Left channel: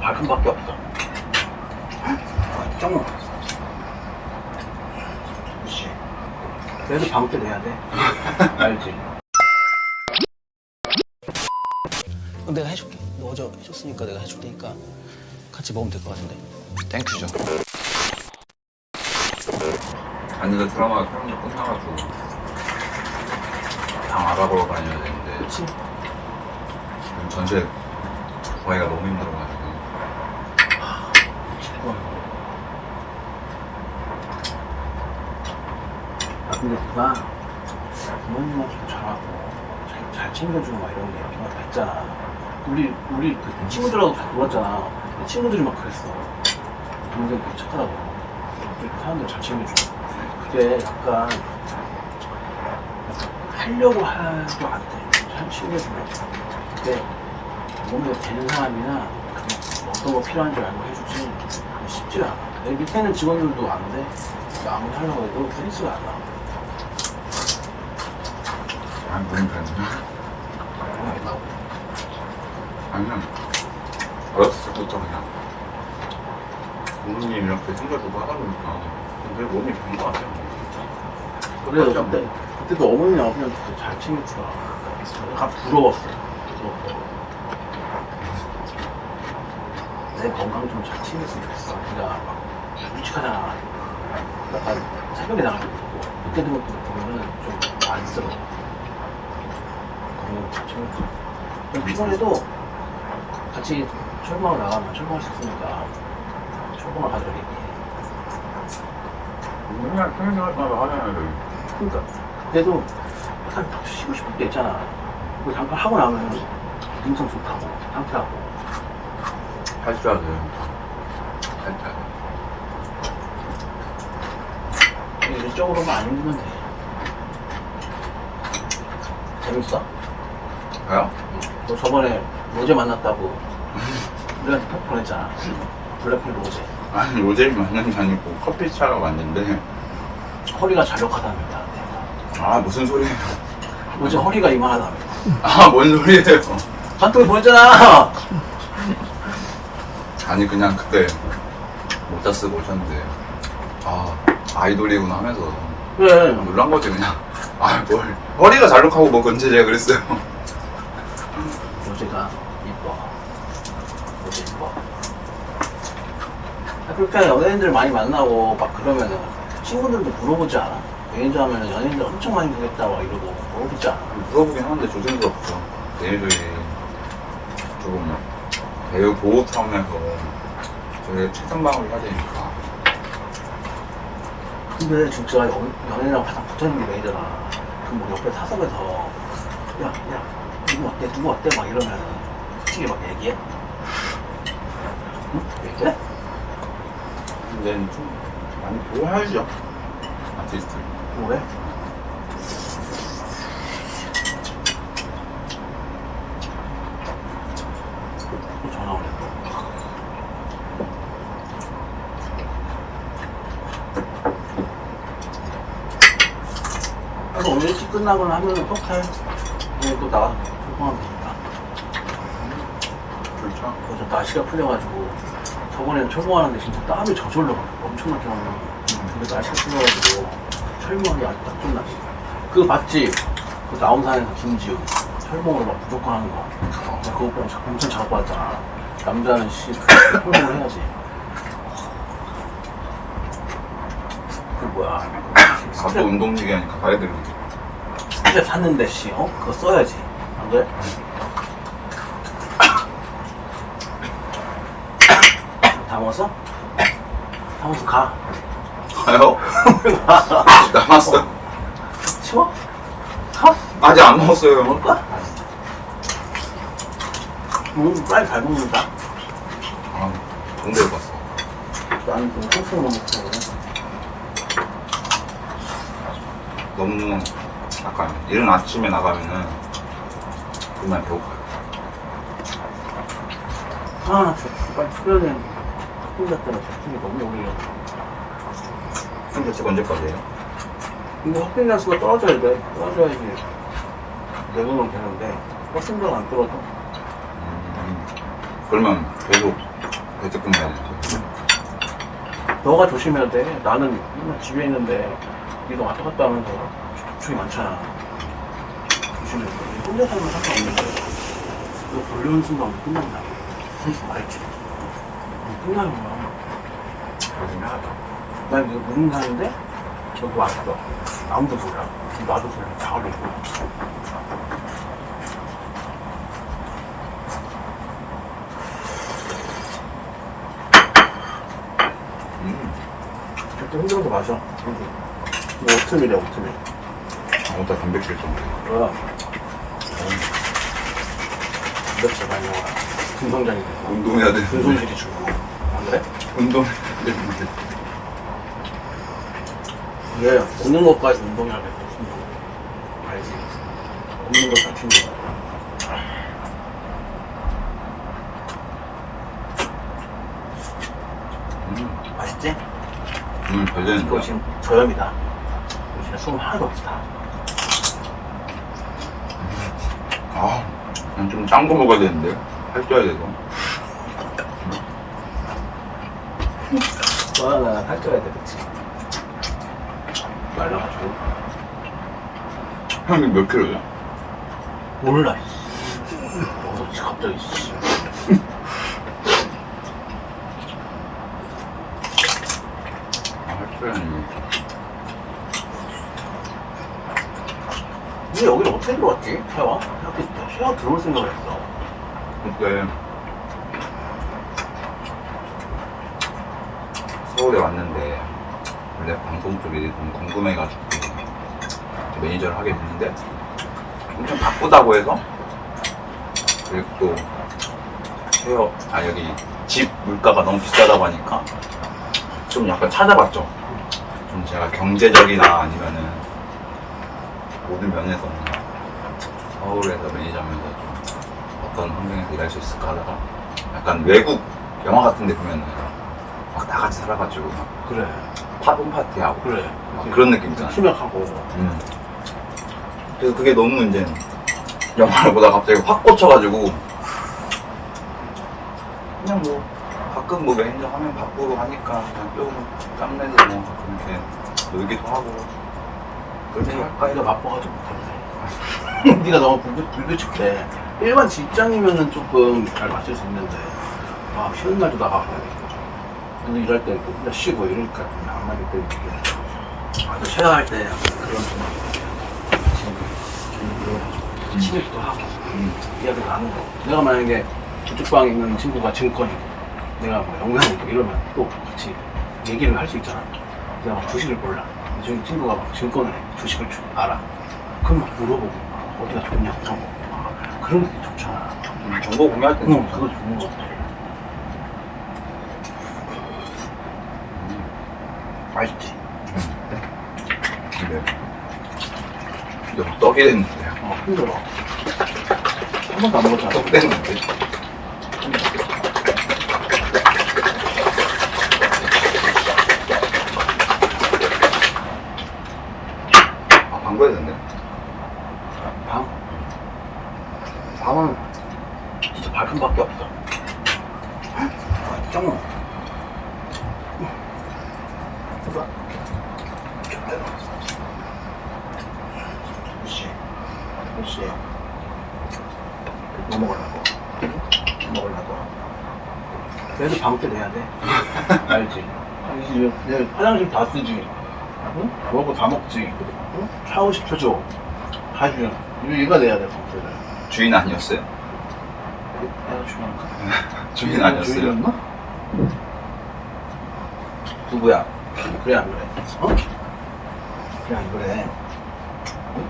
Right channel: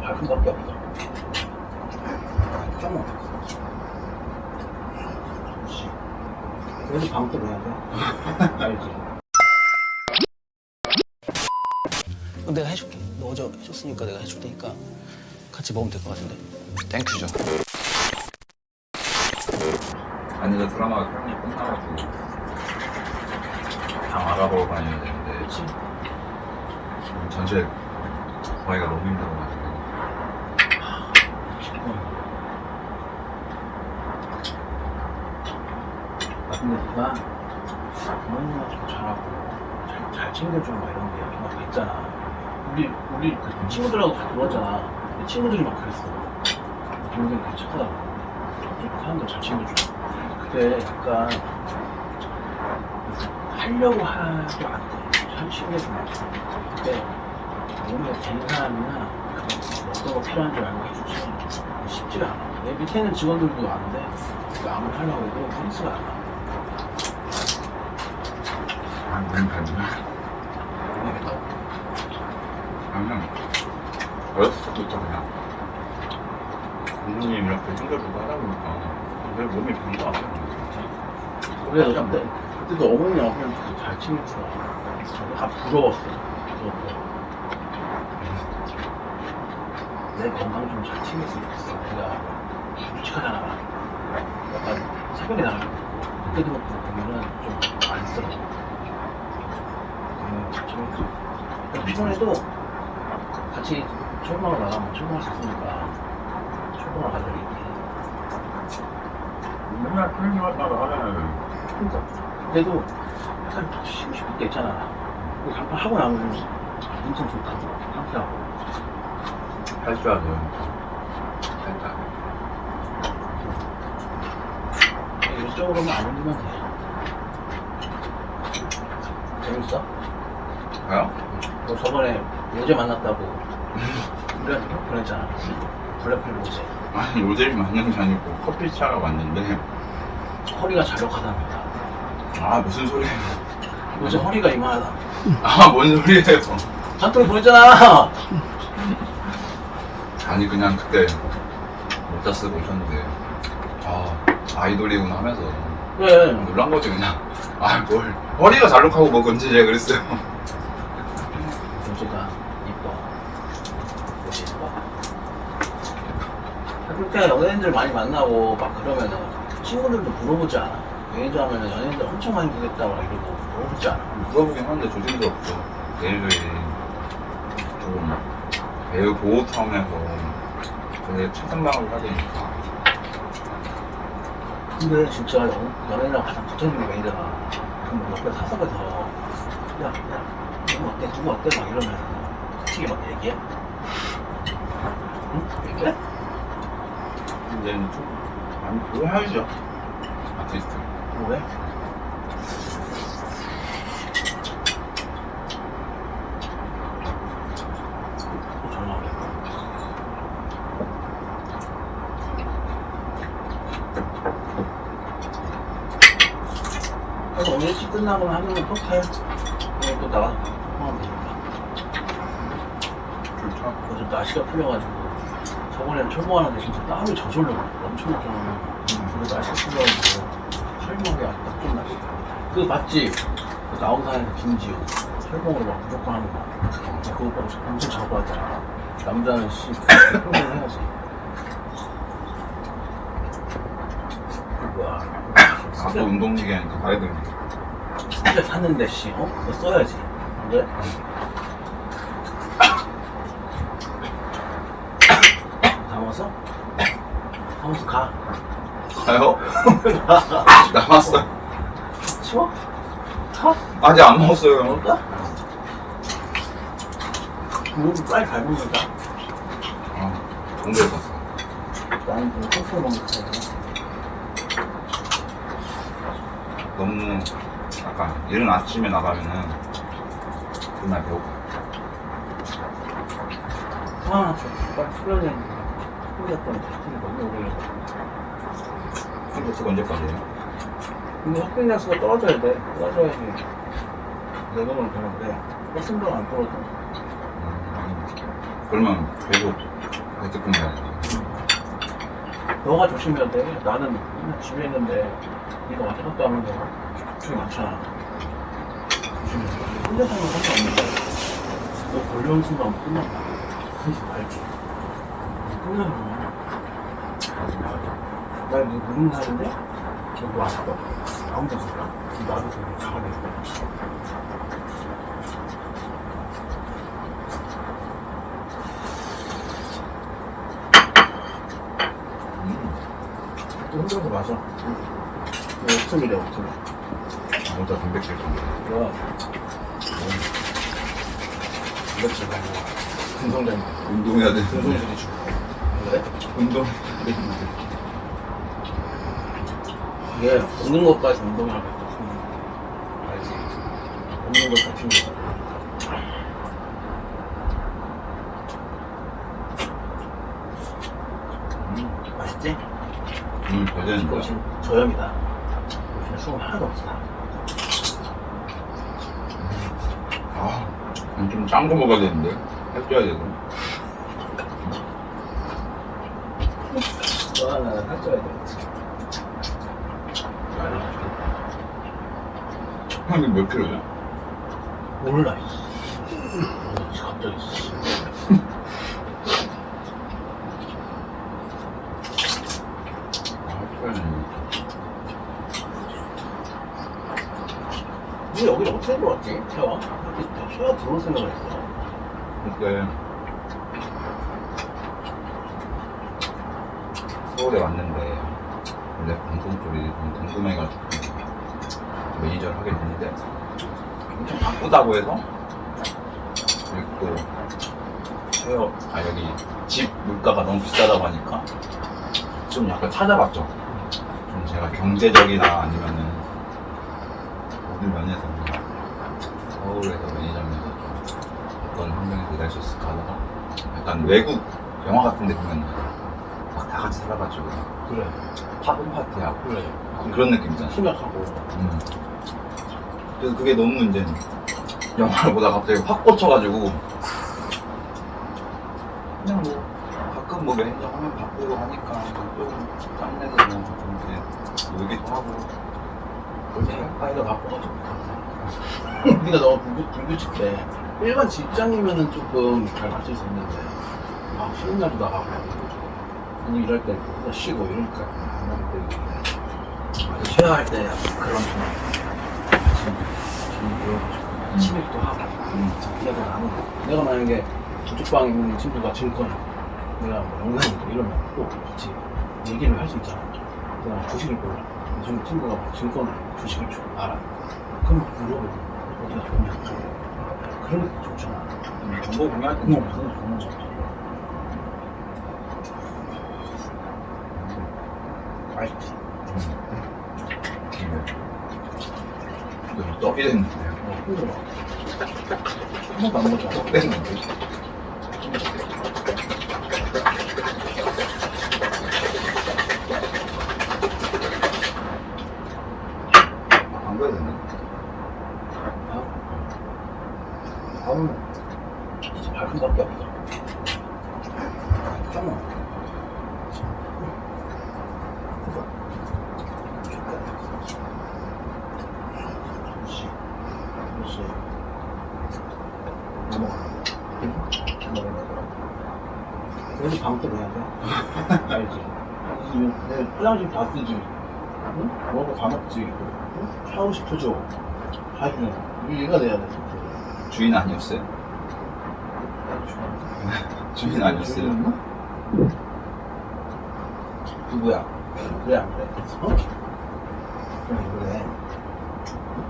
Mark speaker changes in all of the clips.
Speaker 1: 발품밖에 없어. 짱 그렇지. 그래도 방때 내야 돼. 알지? 내가 해줄게. 너 어제 해줬으니까 내가 해줄 테니까 같이 먹으면 될 것 같은데.
Speaker 2: 땡큐죠. 아니 그 드라마 촬영도 끝나가지고 방 알아보러 다녀야 되는데
Speaker 1: 그렇지.
Speaker 2: 지금 전세 구하기가 너무 힘들어가지고.
Speaker 1: 아 근데 누가 부모님한테 좀 잘하고 잘, 잘 챙겨주고 막 이런 게 정말 다 있잖아. 우리 우리 그 친구들하고 다 놀았잖아. 근데 친구들이 막 그랬어. 동생 되게 착하다고. 좀 사람들 잘 챙겨주고. 그게 약간 하려고 해도 안 돼. 잘 챙겨주면 돼. 근데 몸에 되는 사람이나 그게 어떤 거 필요한 줄 알고 해주지 쉽지가 않아. 내 밑에는 직원들도 아는데 내가 아무리 하려고 해도 페이스가 안 나와.
Speaker 2: 안 보는 편이야.
Speaker 1: 모르겠다고.
Speaker 2: 그냥 어렸을 때부터 그냥 부모님 이렇게 챙겨주고 하다 보니까 내 몸이 변것 같아요.
Speaker 1: 그래
Speaker 2: 맞아.
Speaker 1: 그때 그때도 어머니랑 아버지한테 잘 챙겨주라. 다 부러웠어. 부러웠어. 내 건강 좀 잘 챙겼으면 좋겠어. 네가 막 일찍하잖아. 약간 새벽에 나가지고 그때도 보면은 좀 안쓰러워. 건강 잘. 근데 이번에도 같이 철봉을 나가면 철봉할 수 있으니까 철봉을 가져올게.
Speaker 2: 맨날 편의점 따라 하잖아요.
Speaker 1: 그러니까 그래도 약간 쉬고 싶을 때 있잖아. 그 잠깐 하고 나면 엄청 좋다고 상쾌하고.
Speaker 2: 할 줄 아세요. 살짝.
Speaker 1: 이쪽으로만 안 힘들면 돼. 재밌어?
Speaker 2: 가요?
Speaker 1: 너 저번에 로제 만났다고 우리한테 톡 보냈잖아. 블랙홀 로제.
Speaker 2: 아니 로제를 만난 게 아니고 커피 차가 왔는데
Speaker 1: 허리가 자력하답니다.
Speaker 2: 아 무슨 소리예요?
Speaker 1: 로제 허리가 이만하다며.
Speaker 2: 아 뭔 소리예요?
Speaker 1: 한통에 보냈잖아.
Speaker 2: 아니 그냥 그때 모자 쓰고 오셨는데 아 아이돌이구나 하면서
Speaker 1: 그래.
Speaker 2: 놀란 거지 그냥 아 뭘 허리가 잘록하고 뭐 건지 제가 그랬어요
Speaker 1: 로제가 이뻐. 로제 이뻐. 학교 때 연예인들 많이 만나고 막 그러면은 친구들도 물어보지 않아? 연예인 하면은 연예인들 엄청 많이 보겠다 막 이러고 물어보지 않아?
Speaker 2: 물어보긴 하는데 조심스럽죠 얘네들이 조금 배우 보호 차원에서 되게 최선방을 해야 되니까.
Speaker 1: 근데 진짜 연, 연예인이랑 가장 붙어있는 게 매니저나 그뭐 옆에 타석에서 야, 야, 누구 어때, 누구 어때? 막 이러면 솔직히 막 얘기해? 응? 얘기해?
Speaker 2: 근데 좀 많이 보여야죠. 아티스트.
Speaker 1: 뭐래? 또 전화 오네. 아, 오늘 일찍 끝나거나 하면은 꼭 해. 오늘 또 나가서 소통하면 되니까.
Speaker 2: 불차.
Speaker 1: 요즘 날씨가 풀려가지고 저번에는 철모하는데 진짜 땀이 저절로 엄청나게 나오는 근데 날씨가 풀려가지고 철모하기 아주 딱 좋은 날씨 그거 봤지? 그 나온산에서 김지우 철봉으로 막 무조건 하는 거. 나 그거 보고 엄청 자고 왔잖아. 남자는 씨 철봉을 해야지. 그 뭐야.
Speaker 2: 나도 운동 얘기하니까 되는데
Speaker 1: 스 트레 샀는데 씨 어? 그거 써야지 안 그래? 다 먹었어? 다 먹었어 가
Speaker 2: 가요? 남았어요
Speaker 1: 치워? 가?
Speaker 2: 아직 안 먹었어요
Speaker 1: 먹을까? 음, 빨리 잘 먹는다.
Speaker 2: 아 동대에 갔어
Speaker 1: 나는 좀 콩콩 먹고.
Speaker 2: 너무 약간 이른 아침에 나가면은 정말 배고파요
Speaker 1: 아, 저 빨리 출연해. 혼자 때문에 제품이 너무 오래.
Speaker 2: 현재 언제까지예요?
Speaker 1: 이거 확진 날수가 떨어져야 돼. 떨어져야지. 내돈은 되는데, 확진자가 안 떨어져.
Speaker 2: 음, 그러면 계속 재택근무 해야 돼.
Speaker 1: 너가 조심해야 돼. 나는 맨날 집에 있는데 네가 왔다 갔다 하면서 접촉이 많잖아. 조심해. 혼자 살면 상관없는데 너 걸려온 순간 끝난다. 알지? 끝나는 거야. 조심해야 돼. 나 무슨 사는데 너도 왔어. 아무도 몰라. 나도 몰라. 다 걸려.
Speaker 2: 음.
Speaker 1: 좀 힘들어서 마셔. 이거 오트밀이야, 오트밀.
Speaker 2: 아무튼 단백질 좀.
Speaker 1: 뭐야? 이렇게 많이 먹어. 금성장이
Speaker 2: 운동해야 돼.
Speaker 1: 금손실이 주고. 안 그래?
Speaker 2: 운동해야 되는데.
Speaker 1: 이게 없는 것까지 운동이라고 했어. 운동. 알지? 없는 챙겨.
Speaker 2: 음.
Speaker 1: 맛있지?
Speaker 2: 음, 잘 되는데.
Speaker 1: 이거 지금 저염이다. 요즘에 수분 하나도 없다.
Speaker 2: 아, 좀 짠 거 먹어야 되는데. 살쪄야 되고.
Speaker 1: 와, 나 살쪄야 돼, 그치? 말라가지고.
Speaker 2: 형이 몇 킬로냐?
Speaker 1: 몰라, 씨. 너도 갑자기, 씨.
Speaker 2: 아, 살쪄야 되
Speaker 1: 는니 여기 어떻게 들어왔지? 태화? 여기 태화 들어올 생각을 했어.
Speaker 2: 그때 서울에 왔는데 원래 방송 쪽이 좀 궁금해가지고 매니저를 하게 됐는데 엄청 바쁘다고 해서 그리고 또 헤어 아 여기 집 물가가 너무 비싸다고 하니까 좀 약간 찾아봤죠 좀 제가 경제적이나 아니면은 모든 면에서 서울에서 매니저면서 좀 어떤 환경에서 일할 수 있을까 하다가 약간 외국 영화 같은 데 보면 막다 같이 살아가지고 막
Speaker 1: 그래.
Speaker 2: 팝은 파티하고
Speaker 1: 그래.
Speaker 2: 막 그런 느낌 있잖아
Speaker 1: 심약하고.
Speaker 2: 음. 그래서 그게 너무 이제 영화를 보다가 갑자기 확 꽂혀가지고 그냥 뭐 가끔 뭐 매니저 하면 바쁘고 하니까 조금 짬내서 뭐 가끔 이렇게 놀기도 하고
Speaker 1: 네가
Speaker 2: 해서
Speaker 1: 바빠가지고 못했네. 네가 너무 불규, 불규칙해. 일반 직장이면은 조금 잘 맞출 수 있는데, 막 쉬는 날도 나가고, 너도 일할 때는 또 혼자 쉬고 이러니까 그냥 안 맞을 거 있고. 아주 쉐어할 때 약간 그런 좀, 지금, 좀 모여가지고, 친밀도 하고,
Speaker 2: 음.
Speaker 1: 이야기 나누고. 내가 만약에 저쪽 방에 있는 친구가 증권이고, 내가 뭐 영상이고 이러면 또 같이 얘기를 할 수 있잖아. 내가 막 주식을 몰라. 근데 저기 친구가 막 증권을 해. 주식을 주, 알아. 그럼 막 물어보고, 어디가 좋냐. 아, 그런 게 좋잖아.
Speaker 2: 음, 정보 공유할 때
Speaker 1: 응, 그거 좋은 거 같아. 맛있지?
Speaker 2: 근데 너무 떡이 됐는데요
Speaker 1: 어, 힘들어. 한 번도 안 먹었잖아.
Speaker 2: 떡 됐는데 아 방구해야 되네
Speaker 1: 밥? 밥은 진짜 발품밖에 없어. 짱. 그렇지. 뭐 먹으려고? 응? 뭐 먹으려고? 그래도 방때 내야 돼. 알지? 알지? 내 화장실 다 쓰지. 응? 먹고 다 먹지. 응? 샤워 시켜줘. 다 해주잖아. 이거 얘가 내야 돼, 방때를.
Speaker 2: 주인 아니었어요?
Speaker 1: 내가 주니까.
Speaker 2: 주인 아니었어요?
Speaker 1: 주인이었나? 누구야? 그래 안 그래? 어? 그래 안 그래? 응?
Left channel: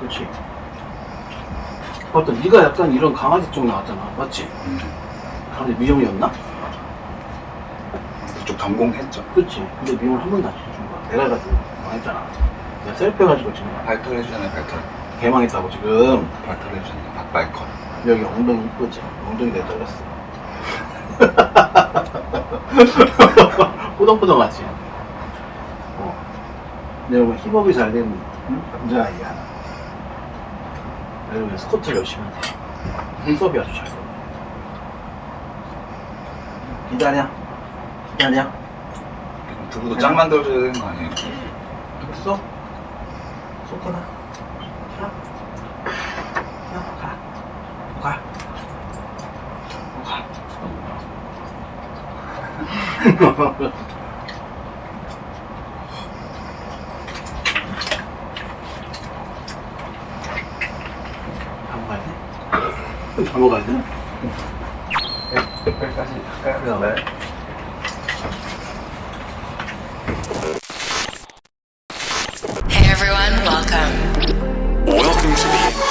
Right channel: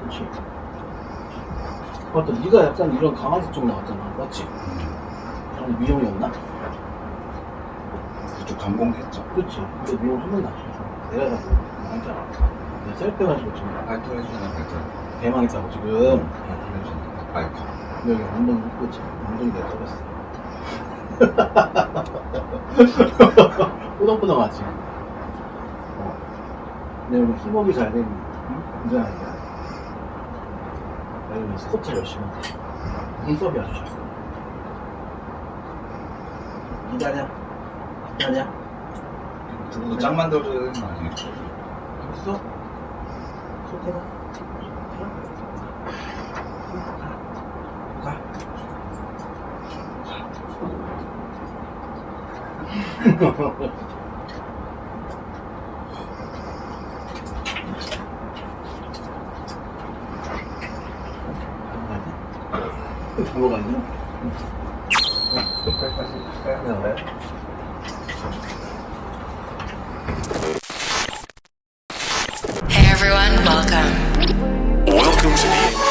Speaker 1: 그렇지. 맞다. 네가 약간 이런 강아지 쪽 나왔잖아. 맞지?
Speaker 2: 음,
Speaker 1: 강아지 미용이었나?
Speaker 2: 그쪽 전공했죠
Speaker 1: 그렇지. 근데 미용을 한 번도 안 시켜준 거야. 내가 가지고 망했잖아. 내가 셀프 해가지고 지금
Speaker 2: 발톱 해주잖아요 발톱
Speaker 1: 개망했다고 지금.
Speaker 2: 발톱 해주잖아요 박발컷
Speaker 1: 여기 엉덩이 이쁘지? 엉덩이 내가 잘랐어. 포동포동하지? 어. 내가 뭐 힙업이 잘 된 남자아이야. 그리고 스쿼트를 열심히 해. 힙업이 아주 잘 돼. 기다려. 기다려.
Speaker 2: 두부도 짱 만들어줘야 되는 거 아니에요?
Speaker 1: 됐어? 쏟아라. 가. 가. 가. 가. 가. 안 가지? 안 가지? 여기까지 갈까요? 네.
Speaker 3: Hey everyone, welcome.
Speaker 4: Welcome to the